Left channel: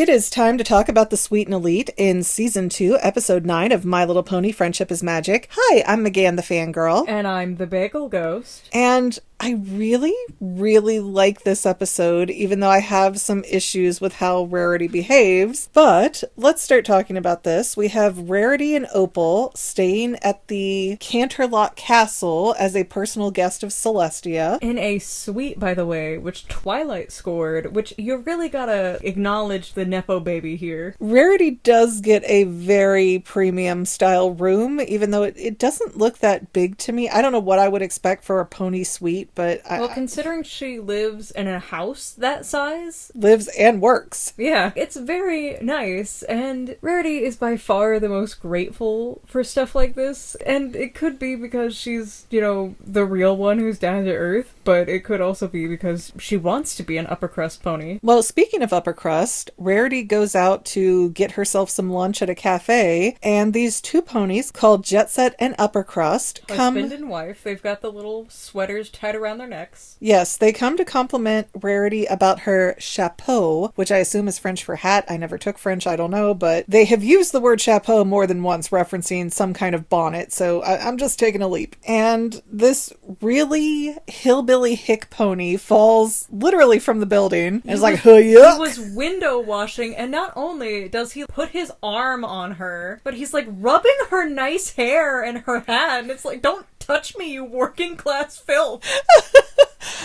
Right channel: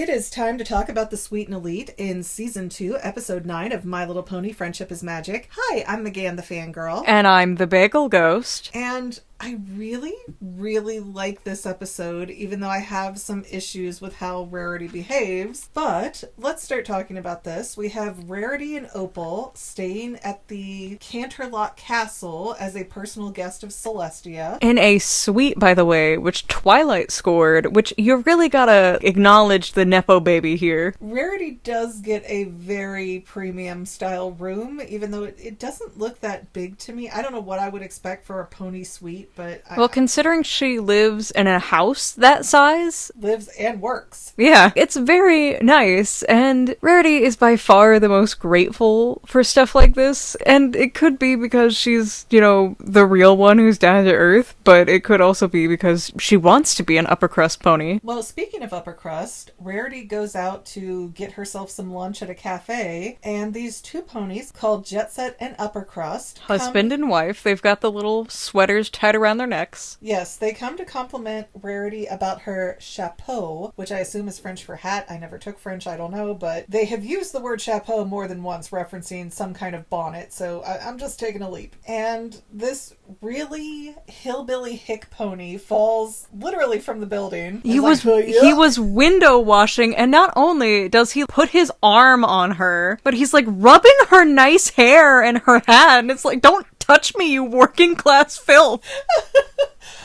It is time to talk about the Sweet and Elite in Season 2, Episode 9 of My Little Pony Friendship is Magic. Hi, I'm Megan the Fangirl. And I'm the Bagel Ghost. And I really, really like this episode, even though I have some issues with how Rarity behaves. But let's start talking about this. We have Rarity and Opal staying at the Canterlot Castle as a personal guest of Celestia. In a suite, by the way, which Twilight scored, which you really gotta acknowledge the Nepo baby here. Rarity does get a very premium style room, even though it doesn't look that big to me. I don't know what I would expect for a pony suite. But well, considering she lives in a house that size. Lives and works. Yeah, it's very nice. And Rarity is by far the most grateful for stuff like this. And it could be because she's, the real one who's down to earth. But it could also be because she wants to be an upper crust pony. Well, speaking of upper crust, Rarity goes out to get herself some lunch at a cafe. And these two ponies called Jet Set and Upper Crust Husband and wife. They've got the little sweaters tied around their necks. Yes, they come to compliment Rarity about her chapeau, which I assume is French for hat. I never took French, I don't know, but they have used the word chapeau more than once, referencing some kind of bonnet, so I'm just taking a leap. And this really hillbilly hick pony falls literally from the building. He was window washing, and not only does he put his arm on her, but he's like rubbing her nice hair and her hat, and it's like, don't touch me, you working class filth.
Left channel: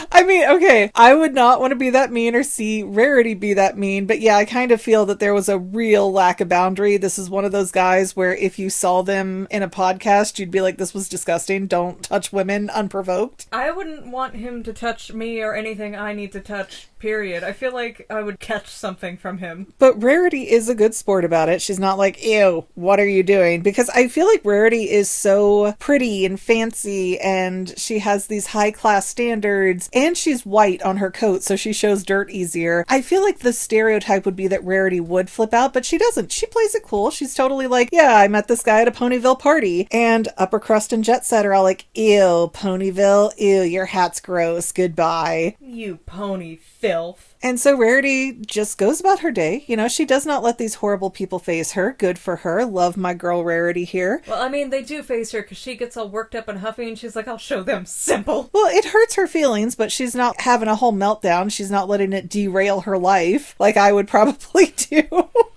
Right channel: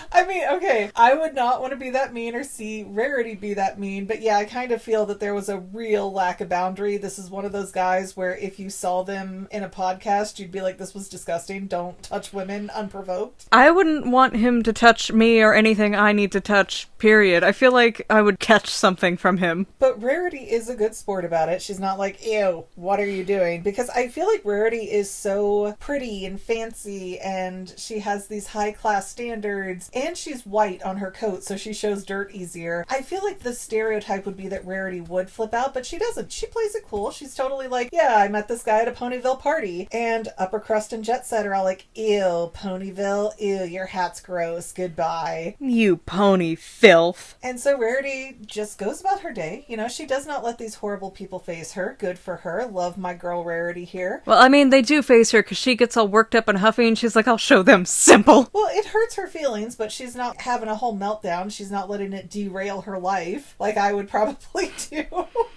I mean, okay, I would not want to be that mean or see Rarity be that mean, but yeah, I kind of feel that there was a real lack of boundary. This is one of those guys where if you saw them in a podcast, you'd be like, this was disgusting. Don't touch women unprovoked. I wouldn't want him to touch me or anything I need to touch, period. I feel like I would catch something from him. But Rarity is a good sport about it. She's not like, ew, what are you doing? Because I feel like Rarity is so pretty and fancy, and she has these high-class standards, and she's white on her coat, so she shows dirt easier. I feel like the stereotype would be that Rarity would flip out, but she doesn't. She plays it cool. She's totally like, yeah, I met this guy at a Ponyville party. And Upper Crust and Jet Set are all like, ew, Ponyville, ew, your hat's gross, goodbye. You pony filth. And so Rarity just goes about her day. She does not let these horrible people face her. Good for her. Love my girl Rarity here. Well, I mean, they do face her because she gets all worked up and huffy, and she's like, I'll show them simple. Well, it hurts her feelings, but she's not having a whole meltdown. She's not letting it derail her life like I would probably do.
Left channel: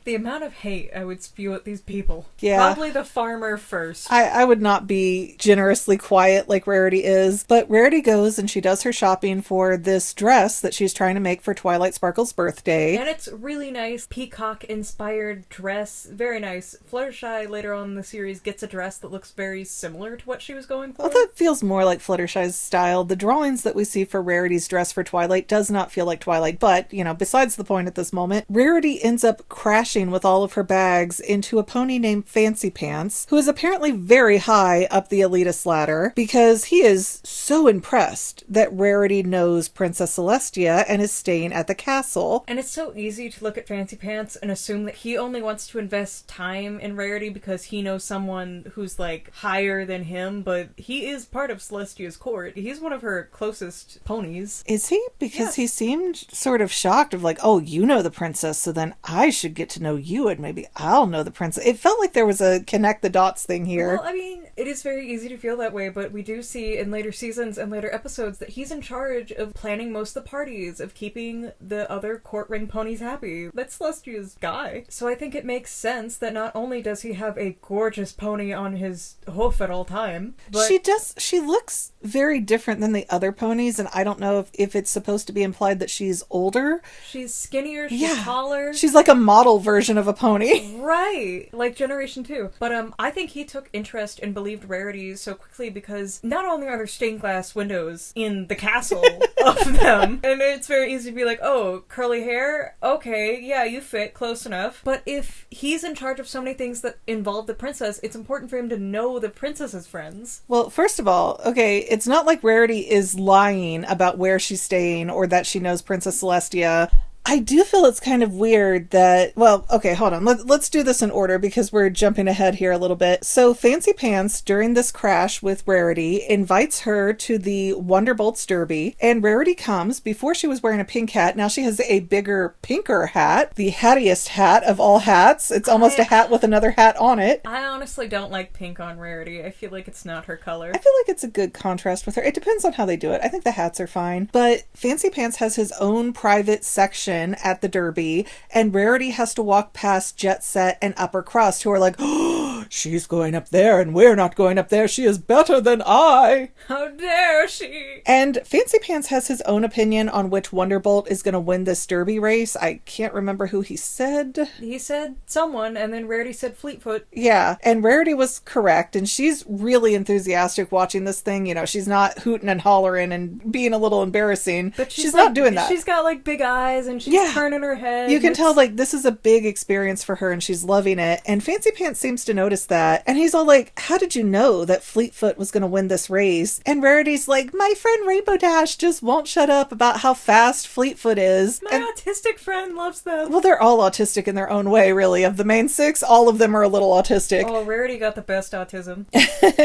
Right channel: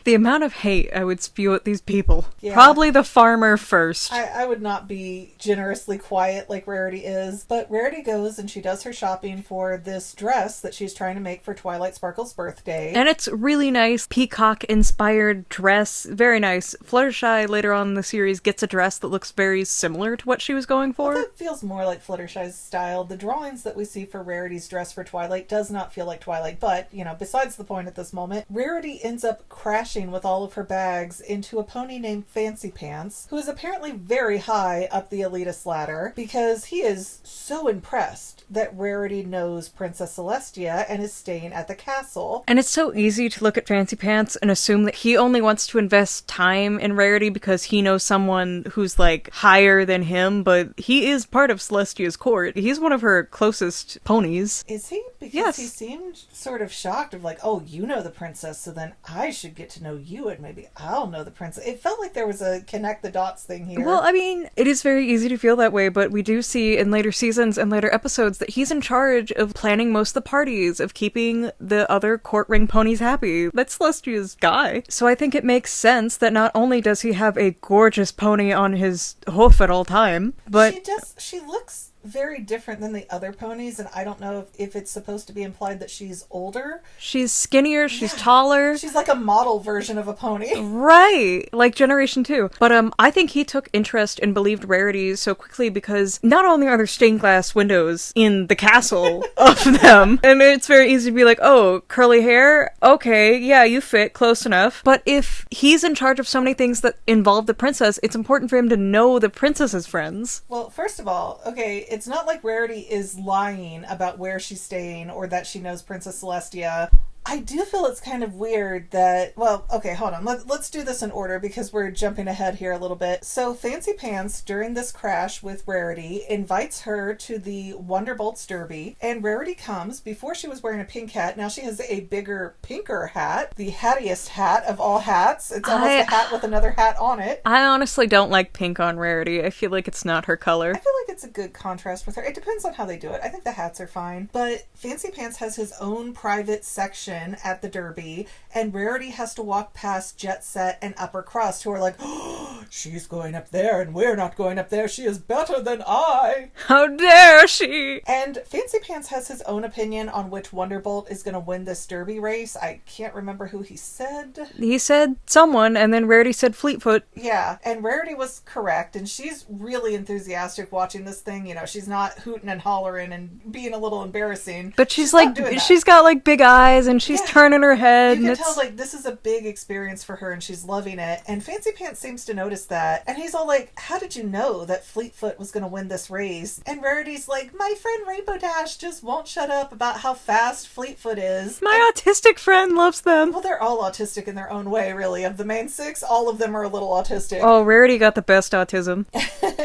The amount of hate I would spew at these people. Yeah. Probably the farmer first. I would not be generously quiet like Rarity is, but Rarity goes and she does her shopping for this dress that she's trying to make for Twilight Sparkle's birthday. And it's really nice, peacock-inspired dress. Very nice. Fluttershy later on in the series gets a dress that looks very similar to what she was going for. Well, that feels more like Fluttershy's style. The drawings that we see for Rarity's dress for Twilight does not feel like Twilight, but, besides the point at this moment, Rarity ends up crashing with all of her bags into a pony named Fancy Pants, who is apparently very high up the elitist ladder, because he is so impressed that Rarity knows Princess Celestia and is staying at the castle. And it's so easy to look at Fancy Pants and assume that he only wants to invest time in Rarity because he knows someone who's, like, higher than him, but he is part of Celestia's court. He's one of her closest ponies. Is he? Because yes. He seemed sort of shocked of like, oh, you know the princess, so then I should get to know you and maybe I'll know the princess. It felt like there was a connect the dots thing here. Well, I mean, it is very easy to feel that way, but we do see in later seasons and later episodes that he's in charge of planning most of the parties, of keeping the other court ring ponies happy. That's Celestia's guy. So I think it makes sense that not only does he have a gorgeous pony on his hoof at all time, but she looks very different than the other ponies, and I don't know if it's supposed to be implied that she's older. She's skinnier, she's taller. She's like a model version of a pony. Right, like Generation 2. But I think he took interest and believed Rarity so quickly because not only are there stained glass windows in the castle of them, and it's very easy to be like, oh, curly hair? Okay, yeah, you fit, close enough. But if he's in charge of so many things that involve the princess, it's important for him to know the princess's friends. Well, first of all, okay, it's not like Rarity is lying about where she's staying or that she knows Princess Celestia. I do feel it's kind of weird that, well, okay, hold on. Let's do this in order because we're jumping ahead here a little bit. So Fancy Pants, during this crash with Rarity, invites her to the Wonderbolts Derby, and Rarity comes. Before she was wearing a pink hat. Now she has a bigger, pinker hat, the hattiest hat of all hats. It's almost a hat with another hat on it. I honestly don't like pink on Rarity. I feel like it's not her color. I feel like it's a good contrast with her. It depends on how they do it. I think the hats are fine. But Fancy Pants has his own private section at the Derby, and Rarity has to walk past Jet Set and Upper Crust, who are like, oh, she's going up there and we're not going up there. She is better than I. How dare she? And Fancy Pants has his own opinion on which Wonderbolt is going to win this Derby race. I can't remember who he said. He said someone, and then Rarity said Fleetfoot. Yeah, and Rarity was correct, and she's really enthusiastic watching this thing. You know, she's not hooting and hollering and being a little embarrassing. But she's like like doing that. She's got like big eyes, and she's turning her head. You can tell like this is a big experience for her, and she's loving it. And Fancy Pants seems to notice that, and he's all like, "How did you know that Fleetfoot was going to win this race?" And Rarity's like, "My friend Rainbow Dash just won't shut up about how fast Fleetfoot is. My autistic friend loves them." Well, they're all autistic in their own way, really. Of the main six, all of them are a little autistic. Oh, Rarity got the best autism.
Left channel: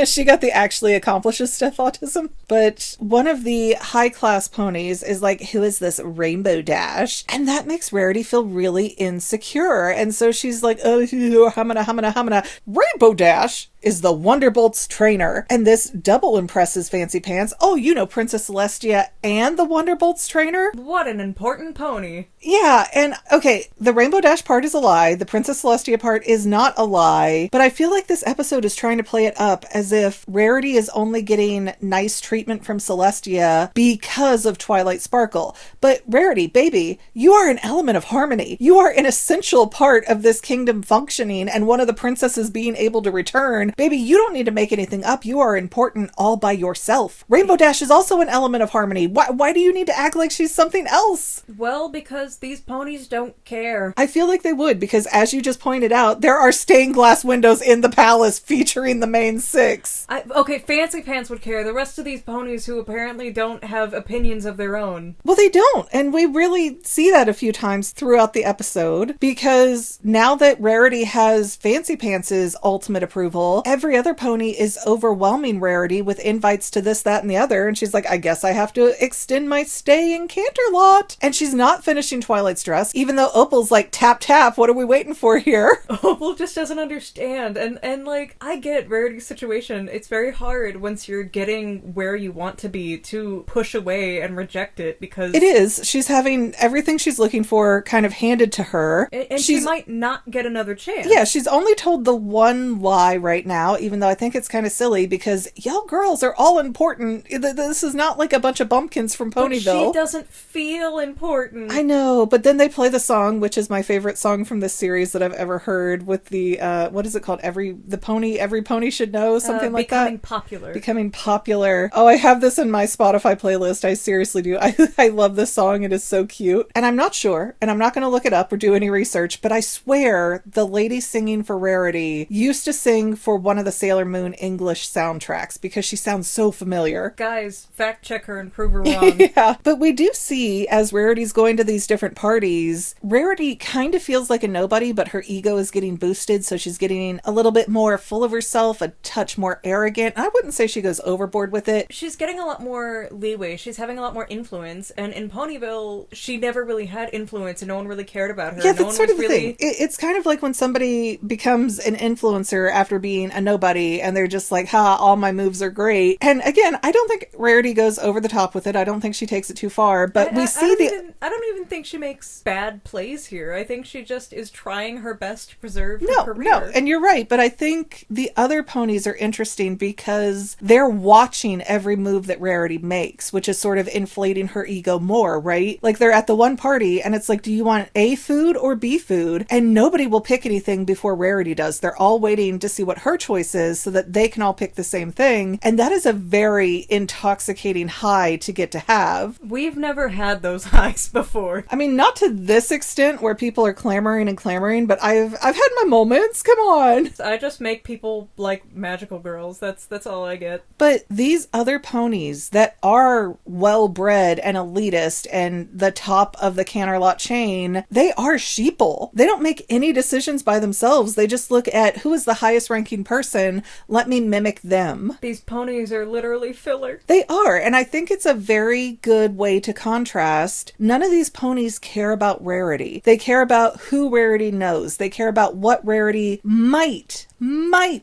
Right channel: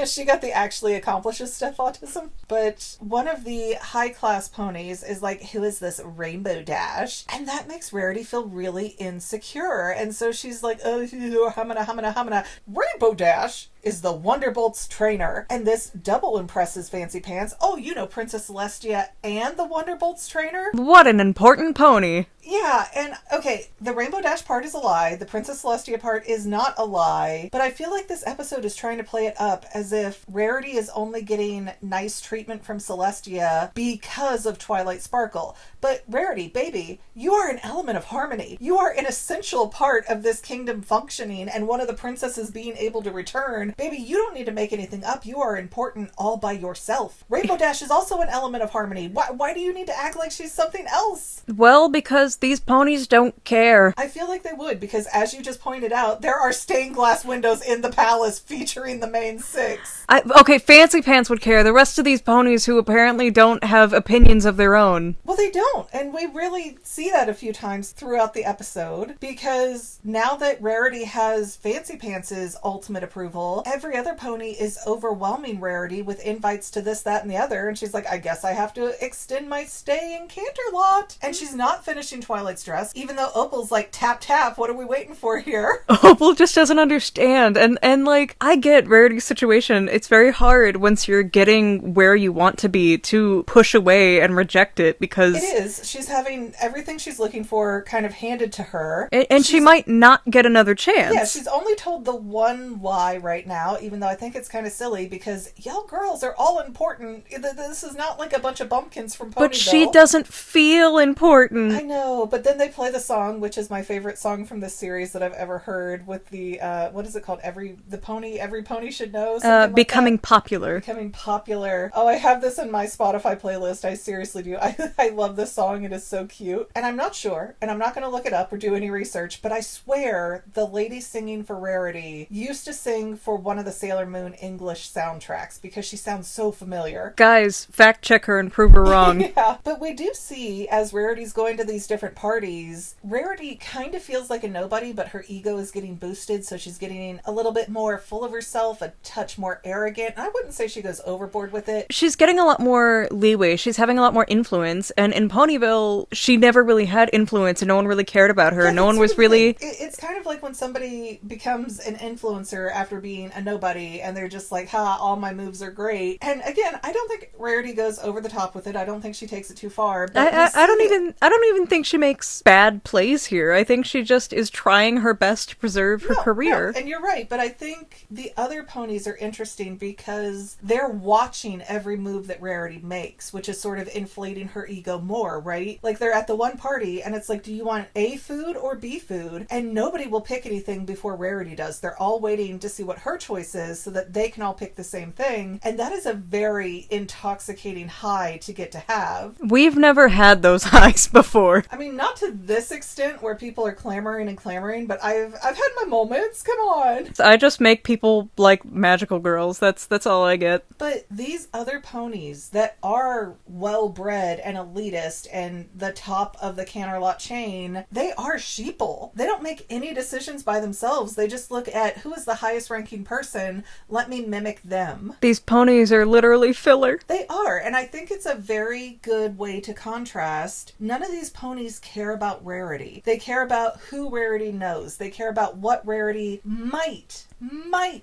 She got the actually accomplishes stuff autism. But one of the high-class ponies is like, who is this Rainbow Dash? And that makes Rarity feel really insecure. And so she's like, oh, humana. Rainbow Dash is the Wonderbolt's trainer. And this double impresses Fancy Pants. Oh, you know Princess Celestia and the Wonderbolt's trainer? What an important pony. Yeah, and okay, the Rainbow Dash part is a lie. The Princess Celestia part is not a lie. But I feel like this episode is trying to play it up as if Rarity is only getting nice treatment from Celestia because of Twilight Sparkle. But Rarity, baby, you are an element of harmony. You are an essential part of this kingdom functioning and one of the princesses being able to return. Baby, you don't need to make anything up. You are important all by yourself. Rainbow Dash is also an element of harmony. Why do you need to act like she's something else? Well, because these ponies don't care. I feel like they would, because as you just pointed out, there are stained glass windows in the palace featuring the main six. Okay, Fancy Pants would care. The rest of these ponies who apparently don't have opinions of their own. Well, they don't. And we really see that a few times throughout the episode, because now that Rarity has Fancy Pants' ultimate approval, every other pony is overwhelming Rarity with invites to this, that, and the other. And she's like, I guess I have to extend my stay in Canterlot. And she's not finishing Twilight's dress, even though Opal's like, tap, tap, what are we waiting for here? Opal just doesn't understand. And like, I get Rarity's situation. It's very hard once you're getting where you want to be to push away and reject it, because it is. She's having everything she's looking for kind of handed to her. And she might not get another chance. Yeah, she's only told the one lie right now, even though I think it's kind of silly because y'all girls are all important. This is not like a bunch of bumpkins from Ponyville. But she doesn't feel important. I know, but then they play the song, which is my favorite song from this series that I've ever heard, with the, what is it called? Every pony should know, something like Becoming that. Popular. Becoming Popular. Oh, I have this in my Spotify playlist. I seriously do. I love this song. It is so cute. And I'm not sure, and I'm not going to look it up or do any research, but I swear the lady singing for Rarity used to sing for one of the Sailor Moon English soundtracks because she sounds so familiar. Guys, fact check her and prove her wrong. Yeah, but we do see, as Rarity's going to these different parties, Rarity kind of feels like a nobody, but her ego is getting boosted, so she's getting a little bit more full of herself, a touch more arrogant. I wouldn't say she goes overboard with it. She's getting a lot more leeway. She's having a lot more influence, and in Ponyville, she never really had influence, and no one really cared about her. Yeah, no one was really... It's kind of like when somebody becomes an influencer after being a nobody, and they're just like, ha, all my moves are great. And again, I don't think Rarity goes over the top with it. I don't think she takes it too far. But I don't even think she makes bad plays here. I think she just is trying her best to preserve her career. No, and you're right. But I think the other ponies are interesting because they're watching every move that Rarity makes, which is sort of inflating her ego more, right? Like they're at the one party and it's like, do you want A food or B food? And nobody will pick anything before Rarity does. They're all waiting to see what her her choices so that they can all pick the same thing. And that is a very intoxicating high to get to have. We've never had those highs before. I mean, not to this extent where people are clamoring and clamoring, but I've had my moments. Come on. I just make people like magical girls. That's all I get. But these other ponies that are well-bred and elitist and the top of the Canterlot chain, they are sheeple. They don't make any decisions by themselves. They just look at who is the highest ranking person. Let me mimic them. These ponies are literally filler. They are, and I think it's a very good way to contrast. None of these ponies care about Rarity. They care about who Rarity knows. They care about what Rarity might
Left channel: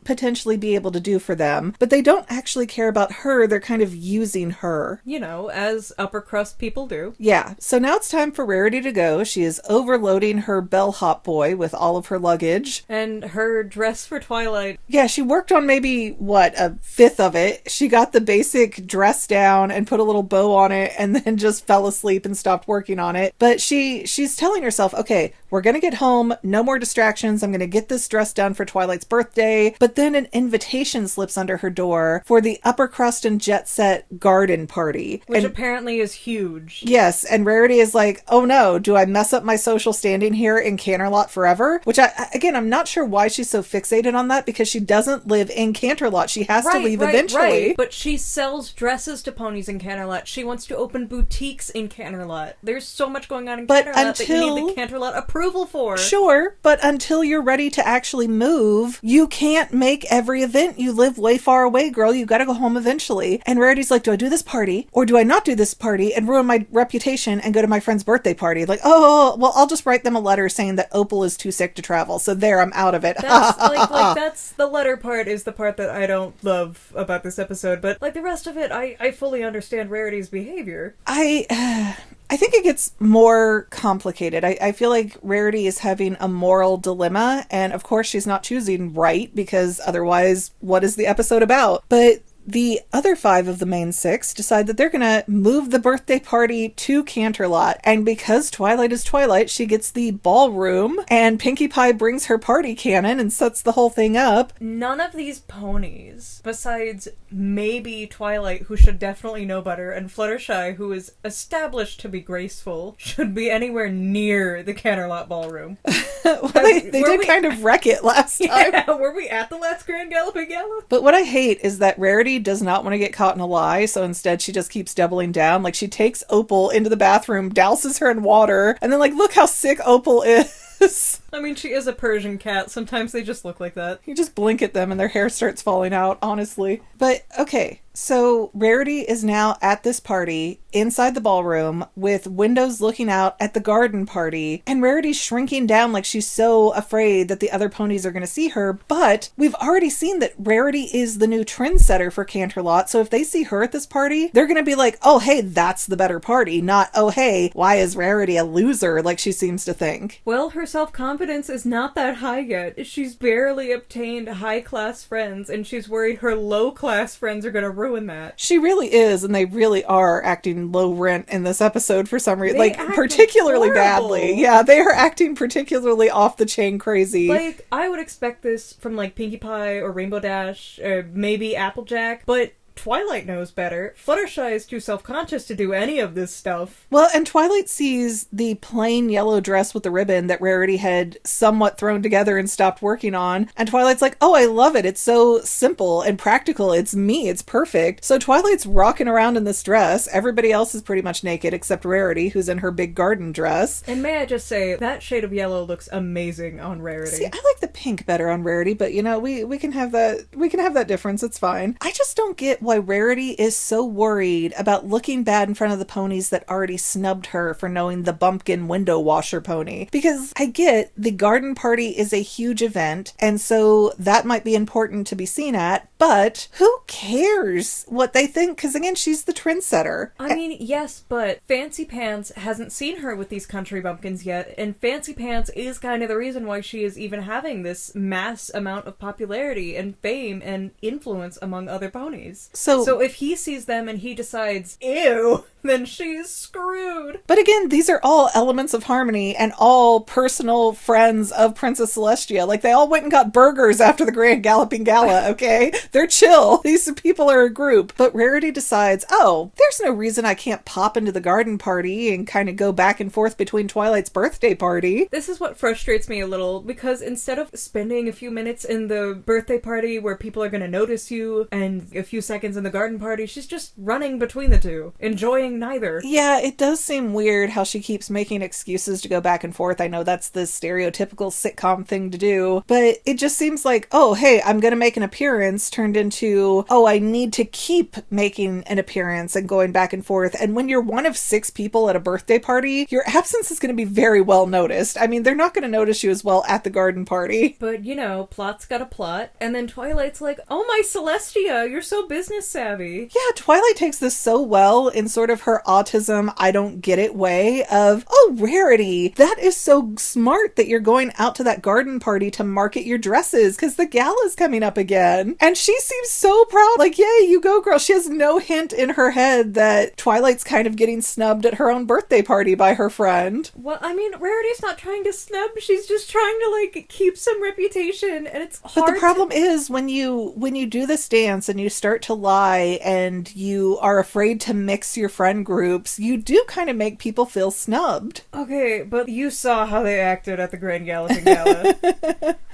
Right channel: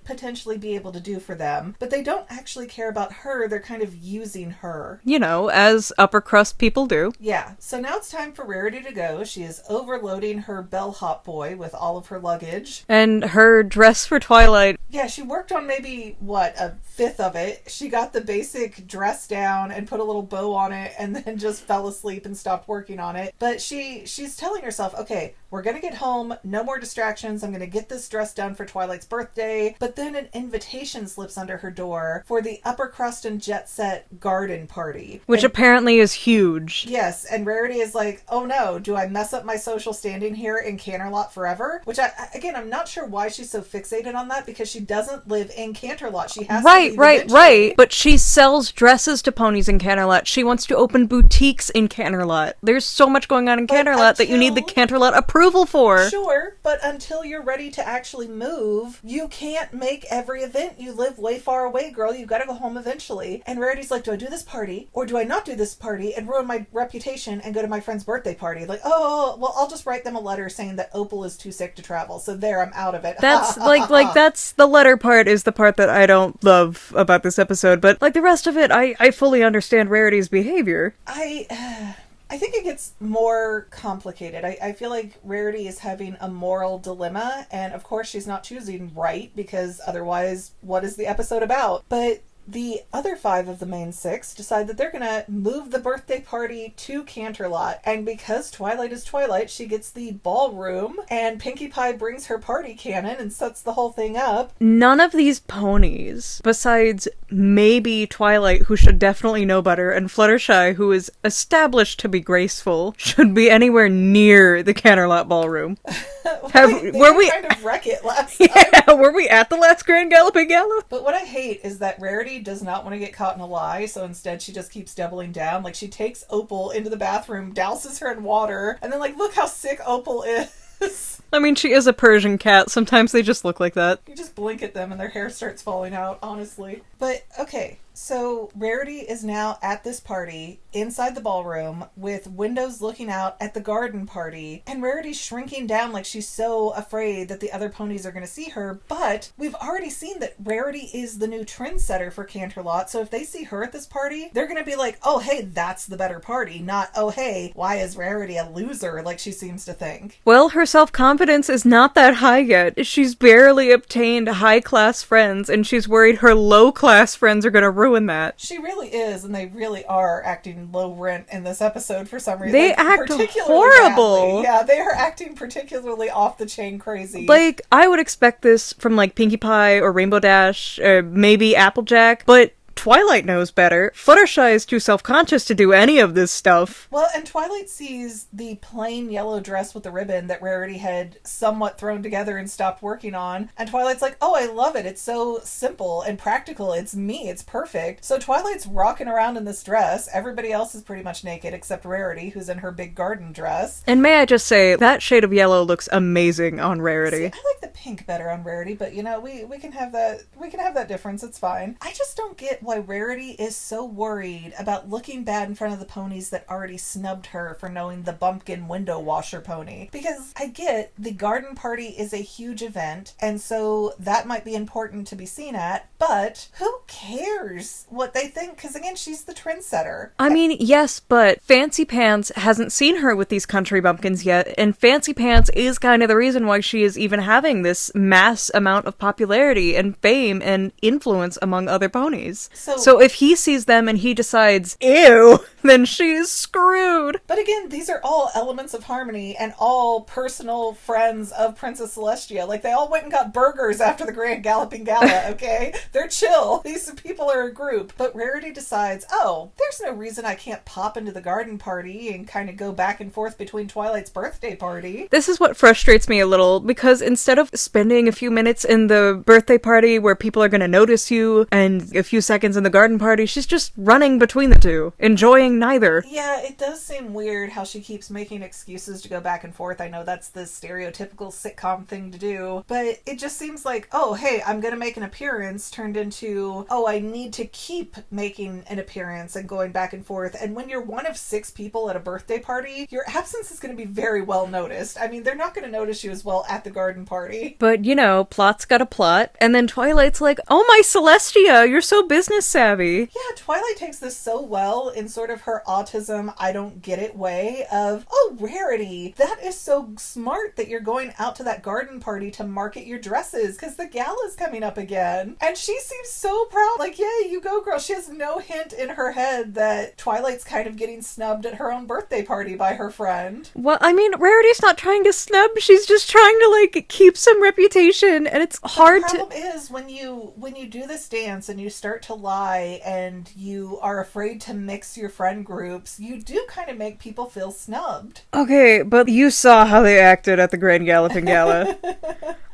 potentially be able to do for them, but they don't actually care about her. They're kind of using her. You know, as upper crust people do. Yeah, so now it's time for Rarity to go. She is overloading her bellhop boy with all of her luggage. And her dress for Twilight. Yeah, she worked on maybe, a fifth of it. She got the basic dress down and put a little bow on it and then just fell asleep and stopped working on it. But she's telling herself, okay, we're gonna get home, no more distractions, I'm gonna get this dress done for Twilight's birthday. But then an invitation slips under her door for the upper crust and jet set garden party. Which apparently is huge. Yes, and Rarity is like, oh no, do I mess up my social standing here in Canterlot forever? Which, I'm not sure why she's so fixated on that, because she doesn't live in Canterlot. She has to leave eventually. Right. But she sells dresses to ponies in Canterlot. She wants to open boutiques in Canterlot. There's so much going on in Canterlot that you need the Canterlot approval for. Sure, but until you're ready to actually move, you can't make every event. You live way far away, girl. You gotta go home eventually. And Rarity's like, do I do this party or do I not do this party and ruin my reputation and go to my friend's birthday party? Like, oh, well, I'll just write them a letter saying that Opal is too sick to travel. So there, I'm out of it. That's that's the letter part is the part that I don't love about this episode. But like the rest of it, I fully understand Rarity's behavior. I think it gets more complicated. I feel like Rarity is having a moral dilemma, and of course she's not choosing right, because otherwise, what is the episode about? But the other 5 of the main 6 decide that they're gonna move the birthday party to Canterlot, and because Twilight is Twilight, she gets the ballroom, and Pinkie Pie brings her party cannon and sets the whole thing up. None of these ponies, besides maybe Twilight, who should definitely know better, and Fluttershy, who is established to be graceful, should be anywhere near the Canterlot ballroom. They did kind of wreck it last time. Yeah, were we at the last Grand Galloping Gala? But what I hate is that Rarity does not want to get caught in a lie, so instead she just keeps doubling down. Like, she takes Opal into the bathroom, douses her in water, and then, like, look how sick Opal is. I mean, she is a Persian cat. Sometimes they just look like that. You just blink at them and their hair starts falling out, honestly. But, okay, so Rarity is now at this party inside the ballroom with windows looking out at the garden party, and Rarity's shrinking down like she's so afraid that the other ponies are going to see her. But we've already seen that Rarity is the new trendsetter for Canterlot, so if they see her at this party, they're going to be like, oh hey, that's the better party, not oh hey, why is Rarity a loser like she seems to think. Well, her self-confidence is not that high yet. She's barely obtained high-class friends, and she's worried her low-class friends are going to ruin that. She really is, and they really are acting low rent in this episode for some reason. They like, act particularly horrible. badly. Yeah, they are acting particularly off the chain crazy. Like, I would expect this from, like, Pinkie Pie or Rainbow Dash, or maybe Applejack, but Twilight knows better. Fluttershy is too self-conscious to do any of this stuff. Well, and Twilight sees the plain yellow dress with the ribbon that Rarity had somewhat thrown together and stopped working on. And Twilight's like, oh, I love it. It's so simple and practical. It's me. It's perfect. So Twilight's rocking around in this dress. Everybody else is pretty much naked except Rarity, who's in her big garden dress. And may I just say, that shade of yellow looks amazing on Rarity. See, I like the pink better on Rarity, but you know, we can have that difference. It's fine. I just don't get why Rarity is so worried about looking bad in front of the ponies that already snubbed her for knowing the bumpkin window washer pony. Because I get the garden party is a huge event, and so that might be important to be seen at, but who cares what they think? Because again, she's the trendsetter. I mean, yes, but Fancy Pants hasn't seen her with these country bumpkins yet, and Fancy Pants is kind of the reason why she is even having this mass amount of popularity and fame and influence among other ponies. So if he sees them and he decides, ew, then she is screwed. But again, these are all elements of harmony and all personal friends of Princess Celestia. Like, they all went and got burgers after the Grand Galloping Gala, okay? They're chill. These people are a group. But Rarity decides, oh, there's no reason I can't pop into the garden party and kind of go back and forth between Twilight's birthday party. This is what frustrates me a little, because instead of spending a few minutes in the birthday party where people are going to notice you and a few seconds in the garden party, she's just running between the two, enjoying neither. Yeah, it does seem weird how she keeps making excuses to go back and forth. I know that's the stereotypical sitcom thing to do, but it just seems like, oh, hey, I'm going to make an appearance turned into, oh, I need to keep making an appearance and going back and forth. And when you're one of 6 people at a birthday party, your absence is going to be very well noticed. I mean, they're not going to notice you as well at the garden party. But, you know, plot's got a plot, and then Twilight's like, oh my Celestia, you're so business savvy. Yeah, Twilight takes this so well in sort of her autism, I don't get it way of, oh, Rarity, that is so smart that you're going out to that garden party to market your dresses because the gala's coming up again. And she seems so proud, like, yay, you go, girl. She has no hint in her head that Twilight's kind of getting snubbed at her own birthday party by her friend. Well, I mean, Rarity's not trying to snub, she's just trying to, like, keep some reputation, and it's hard. But the problem is when you do this dance and you start to lie and you are afraid to mix your friend groups, you do kind of make people feel snubbed. Okay, but you saw how they acted at the Grand Galloping Gala.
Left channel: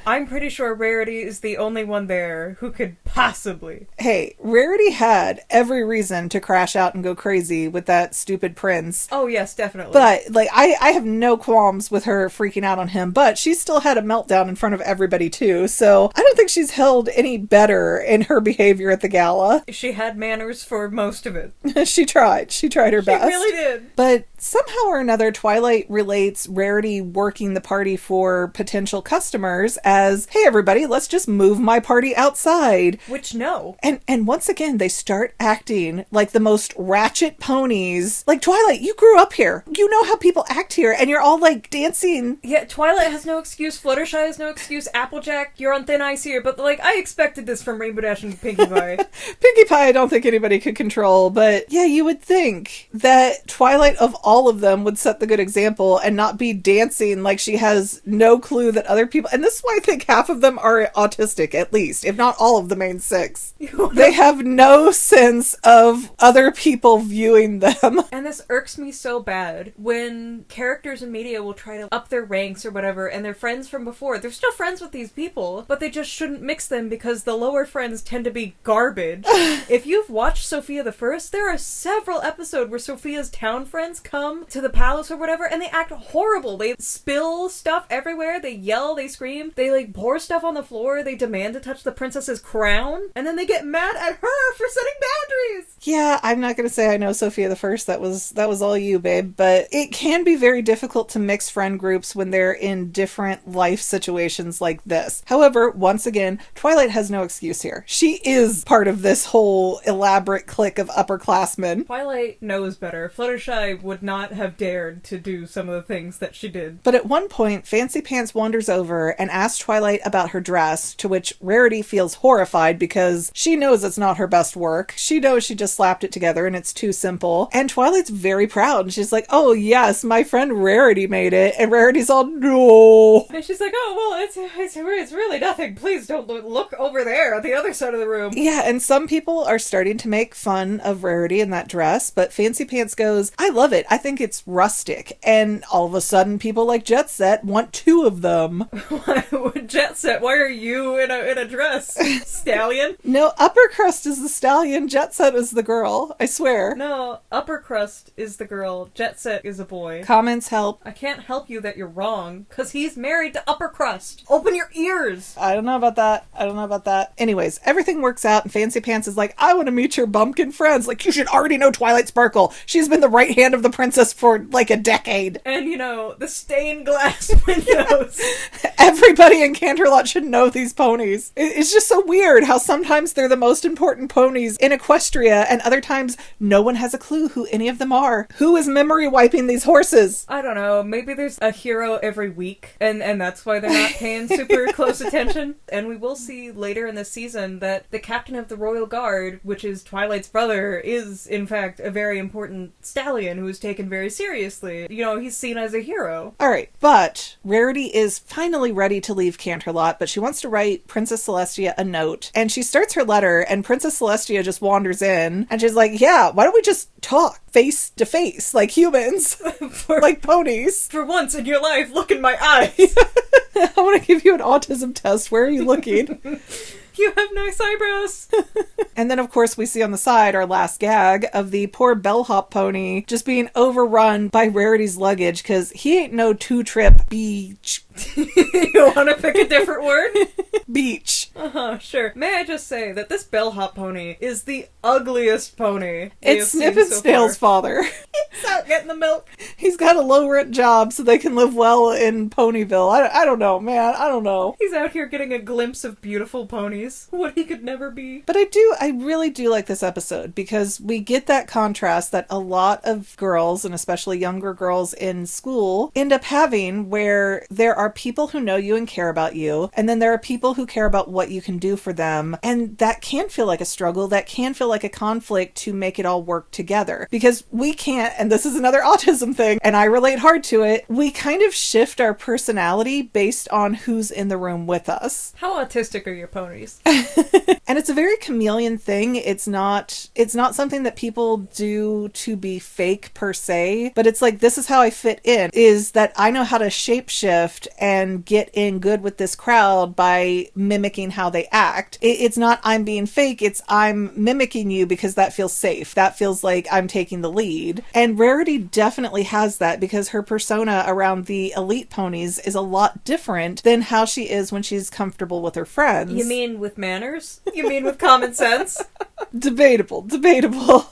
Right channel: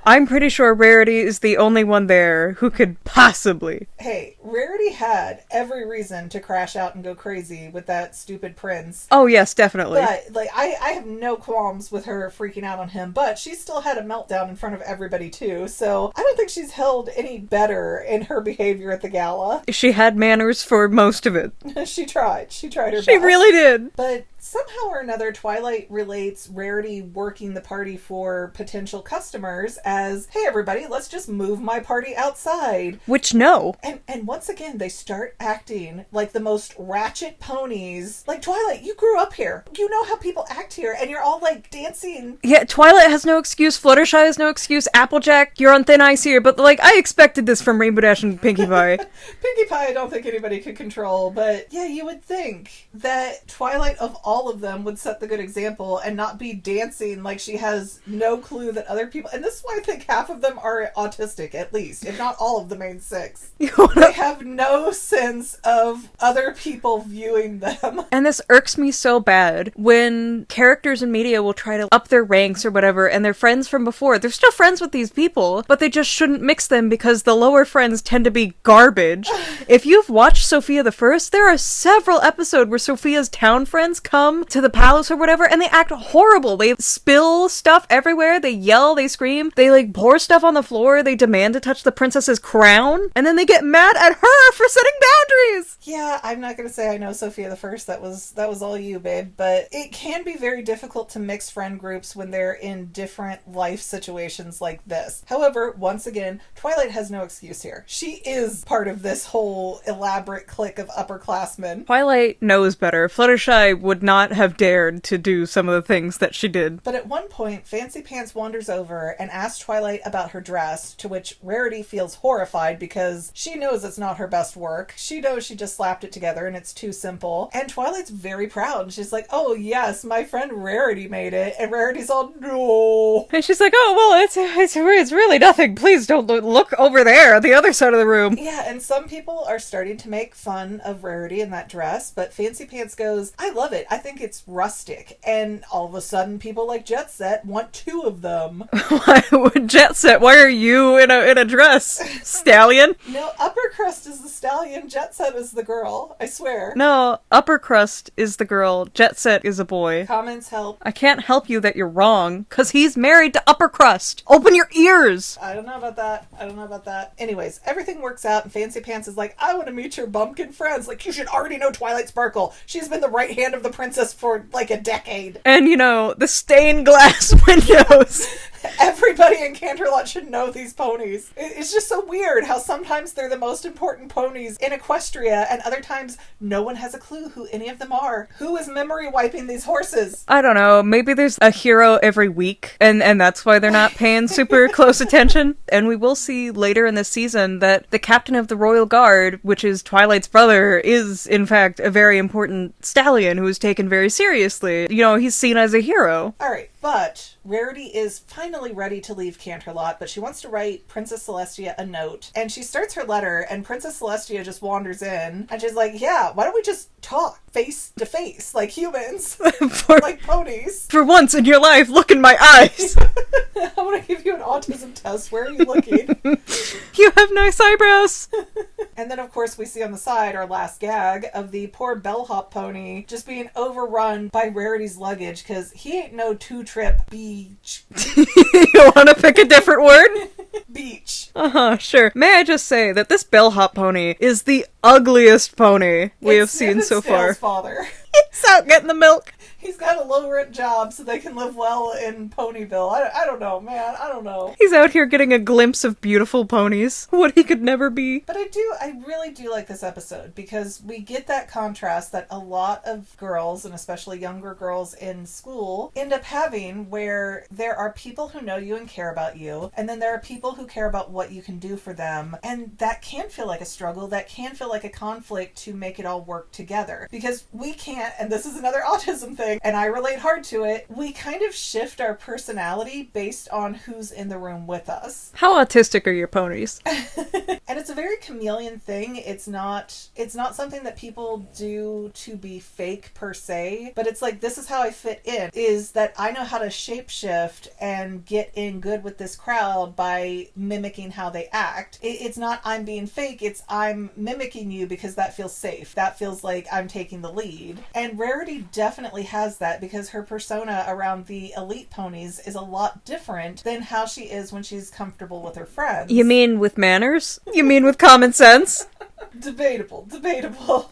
I'm pretty sure Rarity is the only one there who could possibly. Hey, Rarity had every reason to crash out and go crazy with that stupid prince. Oh, yes, definitely. But, like, I have no qualms with her freaking out on him, but she still had a meltdown in front of everybody, too, so I don't think she's held any better in her behavior at the gala. She had manners for most of it. She tried her best. She really did. But somehow or another, Twilight relates Rarity working the party for potential customers as, hey everybody, let's just move my party outside. Which, no. And once again, they start acting like the most ratchet ponies. Like, Twilight, you grew up here. You know how people act here, and you're all, like, dancing. Yeah, Twilight has no excuse, Fluttershy has no excuse, Applejack, you're on thin ice here, but, like, I expected this from Rainbow Dash and Pinkie Pie. Pinkie Pie I don't think anybody could control, but yeah, you would think that Twilight of all of them would set the good example and not be dancing like she has no clue that other people, and this is why I think half of them are autistic, at least, if not all of the main 6. They have no sense of other people viewing them. And this irks me so bad when characters in media will try to up their ranks or whatever, and they're friends from before. They're still friends with these people, but they just shouldn't mix them because the lower friends tend to be garbage. If you've watched Sophia the First, there are several episodes where Sophia's town friends come to the palace or whatever, and they act horrible. They spill stuff everywhere, they yell, they scream, they, like, pour stuff on the floor, they demand to touch the princess's crown, and then they get mad at her for setting boundaries! Yeah, I'm not gonna say I know Sophia the First, that was all you, babe, but it can be very difficult to mix friend groups when they're in different life situations like this. However, once again, Twilight has no excuse here. She is part of this whole elaborate clique of upperclassmen. Twilight knows better. Fluttershy would not have dared to do some of the things that she did. But at one point, Fancy Pants wanders over and asks Twilight about her dress, to which Rarity feels horrified because she knows it's not her best work. She knows she just slapped it together and it's too simple. And Twilight's very proud. And she's like, oh yes, my friend Rarity made it. And Rarity's all, no. And she's like, oh, well, it's really nothing. Please don't look over there, the other side of the room. Yeah, and some people are starting to make fun of Rarity in that dress, but Fancy Pants goes, I love it. I think it's rustic. And all of a sudden, people like Jet Set want 2 of them. Jet Set, why are you in a dress? Stallion? No, Upper Crust is the stallion, Jet Set is the girl. I swear. No, Upper Crust is the girl, Jet Set is a boy. Comments help. I can't help you that you're wrong, because he's married to Upper Crust. Open your ears! I don't know about that. Anyways, everything works out, and Fancy Pants is like, I want to meet your bumpkin friends. Like, you should already know Twilight Sparkle. She's been the right hand of the princess princess for like a decade. And, the stained glass windows. Everybody in Canterlot should know these ponies. It's just so weird how sometimes they're the most important ponies in Equestria, and other times no one has a clue who any of them are. Who is memory wiping these horses? I don't know. Maybe there's a hero every week, and that's why they're not paying super close attention. And we will see later in this season that the captain of the Royal Guard, which is Twilight's brother, is in fact a very important stallion who is taken very seriously. He's seen as a hero. All right, but Rarity is finally ready to leave Canterlot, but she wants to write Princess Celestia a note. And she starts her letter, and Princess Celestia just wanders in, and she's like, yeah, why don't we just talk face to face like humans? Like ponies. For once in your life, look in my eyes. I want to give you an autism test. Where are you looking? You have nice eyebrows. And then, of course, we see on the side our last gag of the poor bellhop pony just being overrun by Rarity's luggage because he ain't no two-trip beach. You want to pick a different word? Beach. Sure. May I just say that this bellhop pony is the ugliest pony we have seen so far. It's father. He's out getting the milk. He's got a low-rent job so they can live well in Ponyville. I don't know, man. I don't know. He's out here getting a glimpse of beautiful ponies. What he could never be. But I really do like this episode because we get that contrast that a lot of girls, and especially younger girls in school, end up having, where there are people who know you and care about you, and then there are people who care about what you can do for them. And that can feel like a struggle. That can feel like a conflict to make it all work together. Because we can't, and this is another autism thing, and I relate hard to it, we kind of shift our personality based on who's in the room with us. How autistic are your ponies? And it's a very chameleon thing. It's not something that people do to be fake per se, but it's like, this is how I fit in, is that I know how to shapeshift and get in good with this crowd by mimicking how they act. It's not I'm being fake, it's I'm mimicking you because that feels safe. That feels like I'm taking the lead. And Rarity definitely has that because her persona around the elite ponies is a lot different than how she is when she's comfortable with her friends. You mean with manners? You mean with common sense? Debatable.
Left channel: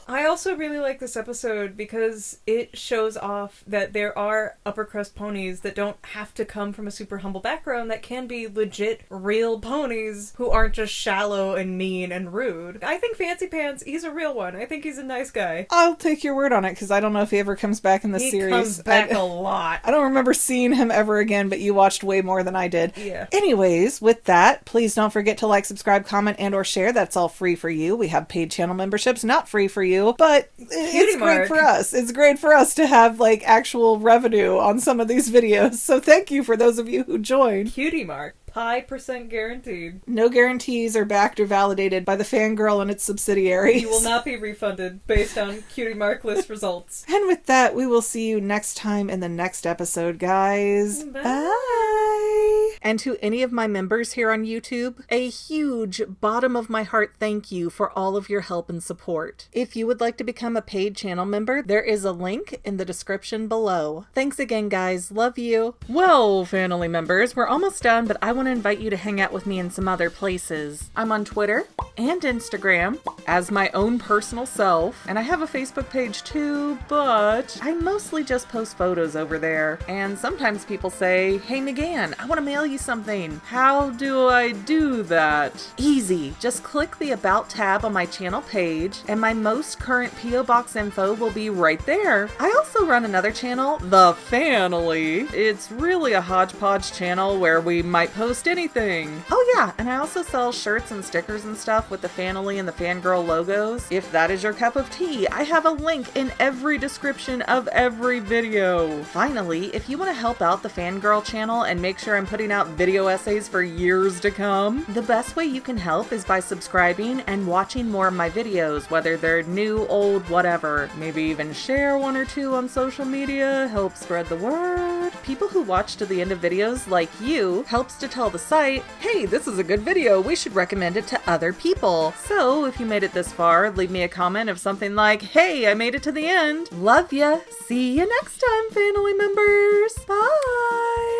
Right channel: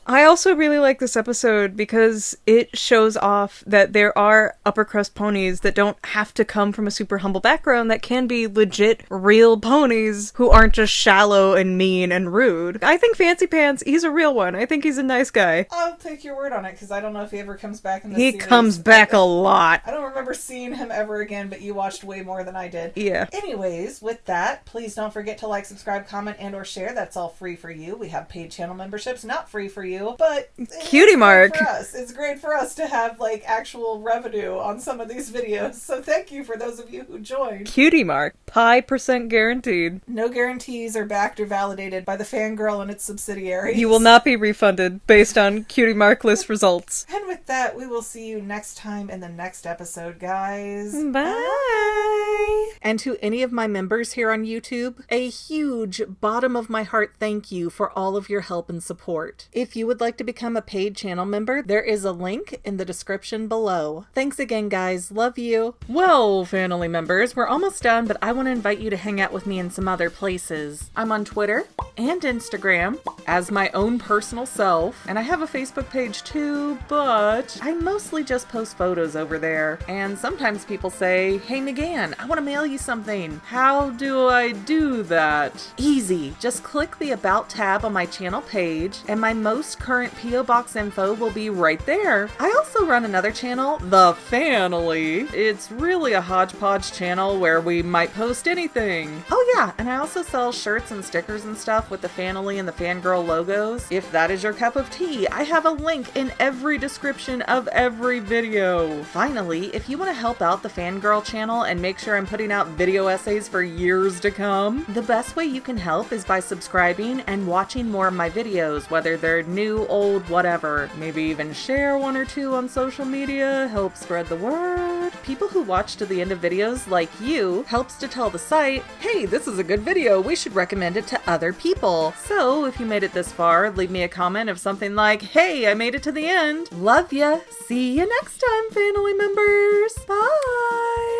I also really like this episode because it shows off that there are upper crust ponies that don't have to come from a super humble background, that can be legit real ponies who aren't just shallow and mean and rude. I think Fancy Pants, he's a real one. I think he's a nice guy. I'll take your word on it because I don't know if he ever comes back in the series. He comes back a lot. I don't remember seeing him ever again, but you watched way more than I did. Yeah. Anyways, with that, please don't forget to like, subscribe, comment, and or share. That's all free for you. We have paid channel memberships, not free for you, but Cutie mark for us. It's great for us to have like actual revenue on some of these videos. So thank you for those of you who joined. Cutie mark. Pi% guaranteed. No guarantees are backed or validated by the Fangirl and its subsidiaries. You will not be refunded based on Cutie mark list results. And with that, we will see you next time in the next episode, guys. Bye. And to any of my members here on YouTube, a huge bottom of my heart thank you for all of your help and support. If you would like to become a paid channel member, there is a link in the description below. Thanks again, guys. Love you. Well, family members, we're almost done, but I want to invite you to hang out with me in some other places. I'm on Twitter and Instagram as my own personal self, and I have a Facebook page too, but I mostly just post photos over there. And sometimes people say, hey McGann, I want to mail you something. How do I do that? Easy. Just click the About tab on my channel page, and my most current P.O. Box info will be right there. I also run another channel, The Family. It's really a hodgepodge channel where we might post anything. Oh yeah, and I also sell shirts and stickers and stuff with the Family and the Fangirl logos. If that is your cup of tea, I have a link in every description of every video. Finally, if you want to help out the Fangirl channel and make sure I'm putting out video essays for years to come, the best way you can help is by subscribing and watching more of my videos, whether they're new, old, whatever. Maybe even share one or two on social media, help spread the word. People who watch to the end of videos like you helps to tell the site, hey, this is a good video, we should recommend it to other people. So if you made it this far, leave me a comment of something like, hey, I made it to the end. Love ya. See you next time, family members. Bye.